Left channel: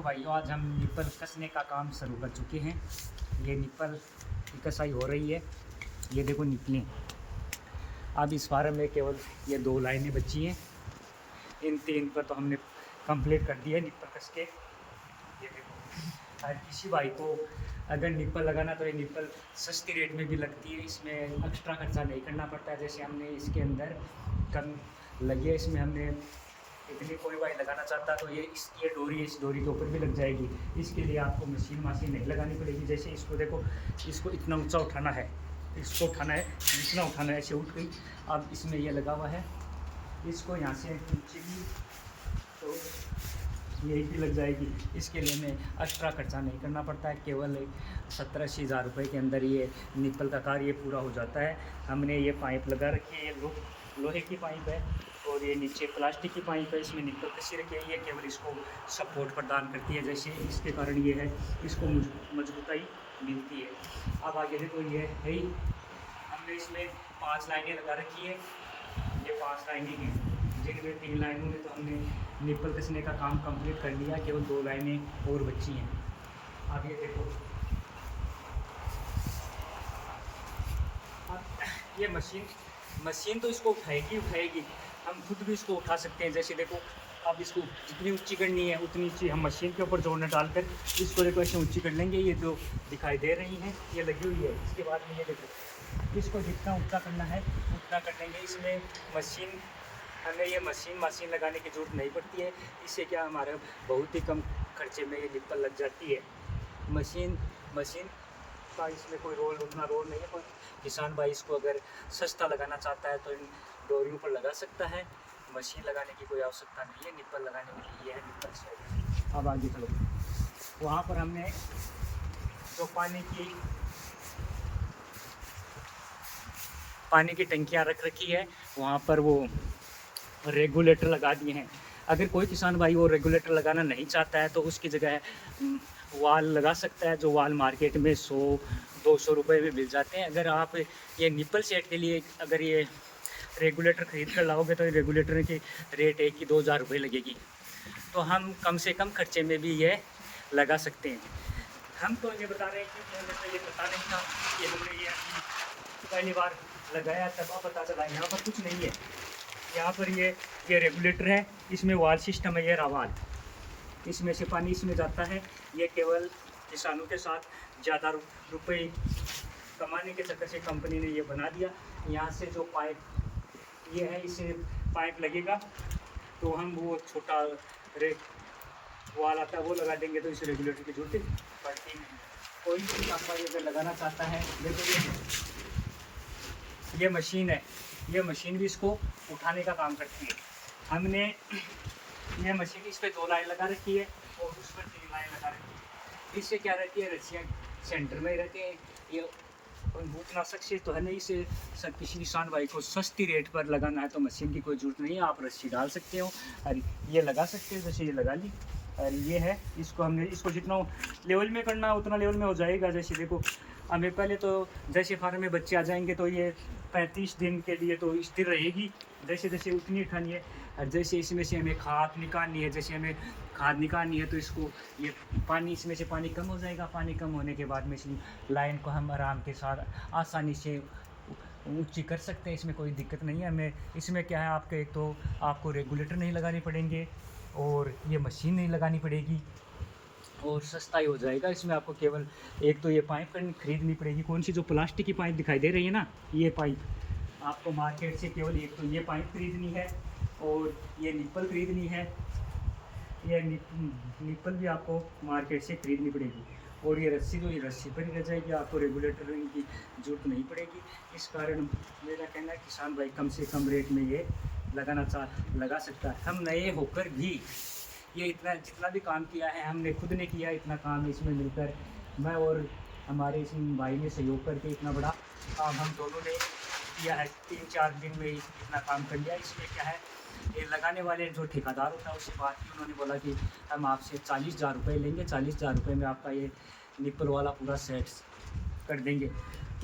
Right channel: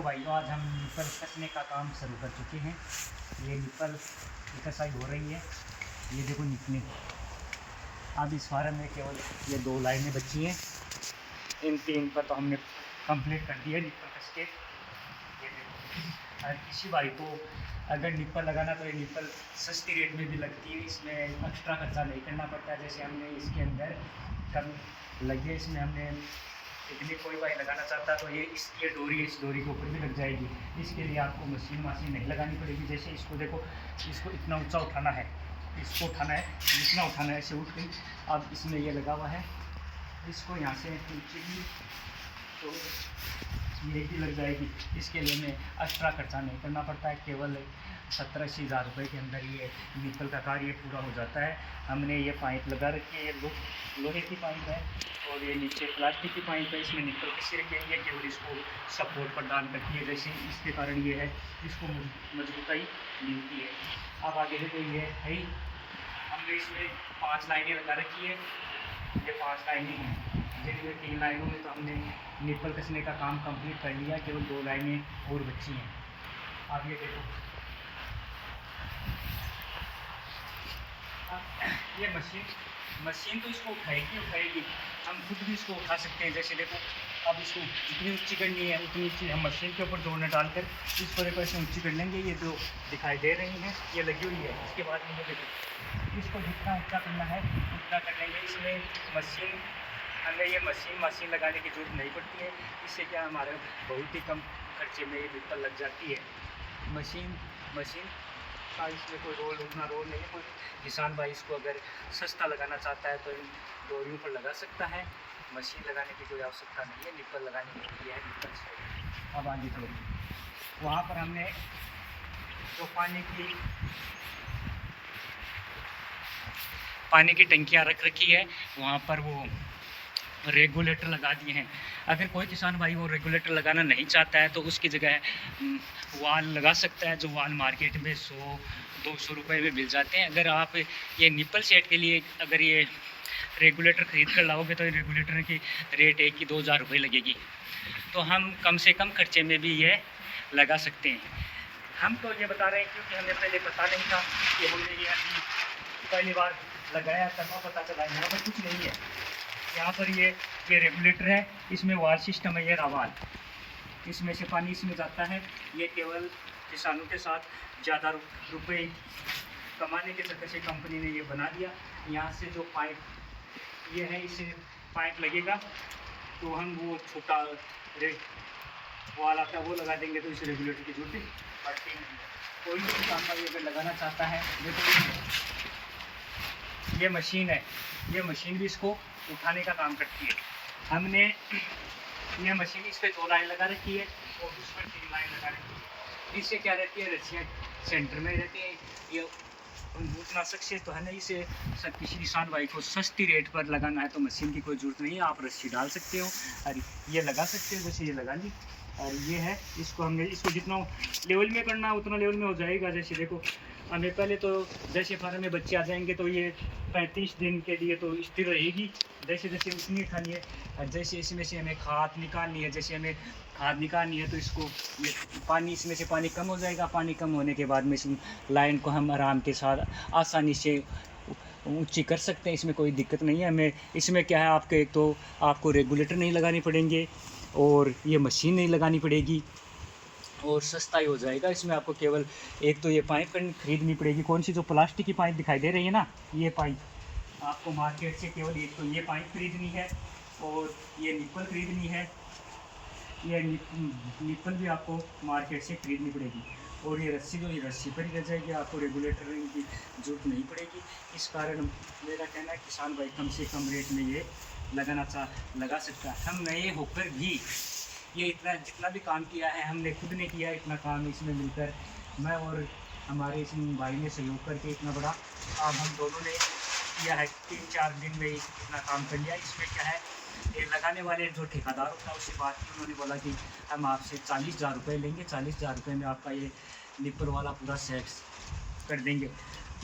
देखो भाई, आज हम निप्पल कसने का काम शुरू कर चुके हैं। ये निप्पल की कसाई हो रही है। ये देखो निकले। अब इस फार्म में केवल ये 2 लाइनें बची हैं। इन 3 पर तो हमने कंप्लीट कर दिया निप्पल कस के। ये देखो, और किसी भाई को अगर निप्पल लगाना तो ये निप्पल सस्ती रेट में भी लगती है। इसमें एक्स्ट्रा खर्चा नहीं करना पड़ता है। जैसे हमने इसके अंदर कम लगी है, इसमें हमने इतनी कोई भाई लगाना चाहता है तो ये डोरी है, इस डोरी के ऊपर भी लग जाएगी। इसके लिए आपको मशीन नहीं लगानी पड़ेगी। जैसे इसको देखो, इसको इतना ऊंचा उठाना है, इसको उठाना है, इतना उठाना है, ऐसे उठ गई। अब इसमें ये लगा हुआ है, इसको यहाँ से नीचे भी तो यही भी लग जाएगी। इसके लिए हमें एक्स्ट्रा खर्चा नहीं करना पड़ता है। केवल 70-80 हज़ार रुपये के अंदर ये निप्पल का कार्य पूरा हो जाता है। हमने ये पाइप लगा रखी है, लोहे की पाइप है, और ये नीचे प्लास्टिक की पाइप है। इसमें निप्पल कसी रखी है। ये केवल इसको सपोर्ट प्रदान करती है। जैसे इसके कारण ये है, इसको मजबूताई मिलती है। अब आगे है तो ये है ही, हमने इसमें 5 लाइनें लगा रखी है। ये 5 लाइनें हैं, जिनमें 3 लाइनों में तो हमने निप्पल कसने का काम कंप्लीट कर लिया। केवल 2 लाइनें और बची हैं। आप ये देखो, अब ये मशीन तो इसको उठाएगी। हम खुद भी इसको उठा सकते हैं। जैसे देखो, अब इसको जितनी ऊंची करनी है उतनी ऊंची हम मशीन के ऊपर जोड़ने डालकर इसको देखो ऐसे ऊंची कर लेंगे। ये जो दिखाई दे रही है ये लगी हुई है। इसके बाद में ये देखो, इसको जितना ऊंचा करना है उतना कर लेंगे। इसमें हमें ये मशीन लगाने की ज़रूरत नहीं पड़ती है। इससे क्या हमारा बहुत ही कम खर्चे में ये निप्पल लग जाती है। मशीन का इसमें कोई उतना रोल नहीं है। कोई किसान भाई इसको अगर सस्ता लगाना चाहता है तो इन डोरियों पर लगा सकता है। मशीन लगाने की कोई आवश्यकता नहीं है। निप्पल लगाने की ये है निप्पल से। अब आगे थोड़ी, वहाँ पर हमने जो पानी की टंकियाँ रख रखी है, वहाँ पर वो रेगुलेटर लगा दिए हैं। अगर कोई किसान भाई वो रेगुलेटर लगाना नहीं चाहता है तो उसकी जगह वाल लगा सकता है, जो वाल मार्केट में 100-200 रुपये में मिल जाते हैं। अगर आप ये निप्पल सेट के लिए अगर ये रेगुलेटर ख़रीद कर लाओगे तो ये रेगुलेटर की रेट 1 की 2 हज़ार रुपये लगेगी। तो हम कम से कम खर्चे में भी ये लगा सकते हैं। हम तो ये बता रहे हैं क्योंकि हमें पहले पता नहीं था कि हमने ये अभी पहली बार लगाया, तब पता चला। यहाँ पर कुछ नहीं है। यहाँ पर ये रेगुलेटर है, इसमें वाल सिस्टम है। ये रहा वाल, इसमें से पानी इसमें जाता है। ये केवल किसानों के साथ ज़्यादा रुपए कमाने के चक्कर से कंपनी ने ये बना दिया। यहाँ से जो पाइप ये है, इसे पाइप लगेगा तो हम वो छोटा वाल आता है वो लगा देंगे, तो इस रेगुलेटर की जरूरत पड़ती नहीं है। कोई भी किसान भाई अगर लगाना चाहता है, देखो ये मशीन है, ये मशीन भी इसको उठाने का काम करती है। हमने ये मशीन इस पर 2 लाइन लगा रखी है और उस पर 3 लाइन लगा रखी है। इससे क्या रहती है, रस्सियाँ सेंटर में रहते हैं। ये उतना सक्सेस तो है नहीं। इसे किसी किसान भाई को सस्ती रेट पर लगाना है तो मशीन की कोई ज़रूरत नहीं है। आप रस्सी डाल सकते हो और ये लगा सकते हो। जैसे ये लगा ली, और ये है, इसको जितना लेवल में करना है उतना लेवल में हो जाएगा। जैसे देखो, हमें पहले तो जैसे फार्म में बच्चे आ जाएंगे तो ये 35 दिन के लिए तो स्थिर रहेगी। जैसे जैसे उतनी उठानी है, और जैसे इसमें से हमें खाद निकालनी है, जैसे हमें खाद निकालनी है तो इसको ये पानी, इसमें से पानी कम हो जाएगा। पानी कम होने के बाद में इस लाइन को हम आराम के साथ आसानी से ऊंची कर सकते हैं। इसमें कोई दिक्कत नहीं है हमें। इसमें क्या है, आपके एक तो आपको रेगुलेटर नहीं लगाने पड़ेंगे और ये मशीन नहीं लगानी पड़ेगी और सस्ता ही हो जाएगा। इसमें आपको केवल एक तो ये पाइप खरीदनी पड़ेगी। कौन सी, जो प्लास्टिक की पाइप दिखाई दे रही है ना, ये पाइप आपको मार्केट से केवल एक तो ये पाइप खरीदनी है और ये निप्पल खरीदनी है। ये निप्पल भी आपको मार्केट से खरीदनी पड़ेगी। और ये रस्सी, जो ये रस्सी पर ही रह जाएगी, आपको रेगुलेटर की जरूरत नहीं पड़ेगी। इस कारण मेरा कहना है किसान भाई कम से कम रेट में ये लगा सकता है। हम नए होकर भी ये इतना जितना भी काम किया है हमने खुद ने किया है। इतना काम इसमें मिलकर मैं और हमारे इस भाई ने सहयोग करके इतना बड़ा काम हम दोनों ने किया है। 3-4 दिन में इतना काम कर लिया। इसमें क्या है, ये लगाने वाले जो ठेकेदार होता है उससे बात की, उन्होंने बोला कि हम आपसे 40 हज़ार रुपये लेंगे। 40 हज़ार रुपये में आपका ये निप्पल वाला पूरा सेट कर देंगे।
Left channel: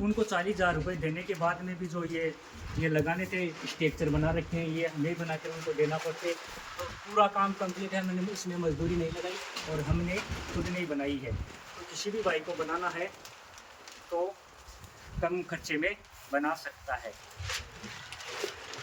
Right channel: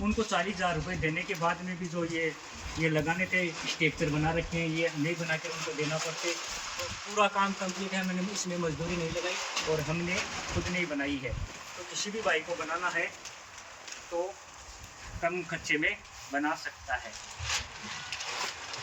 उनको 40 हज़ार रुपये देने के बाद में भी जो ये लगाने थे, स्ट्रक्चर बना रखे हैं, ये नहीं बना कर उनको देना पड़ते। तो पूरा काम कंप्लीट है। मैंने इसमें मजदूरी नहीं लगाई। और हमने खुद नहीं बनाई है। तो किसी भी भाई को बनाना है तो कम खर्चे में बना सकता है।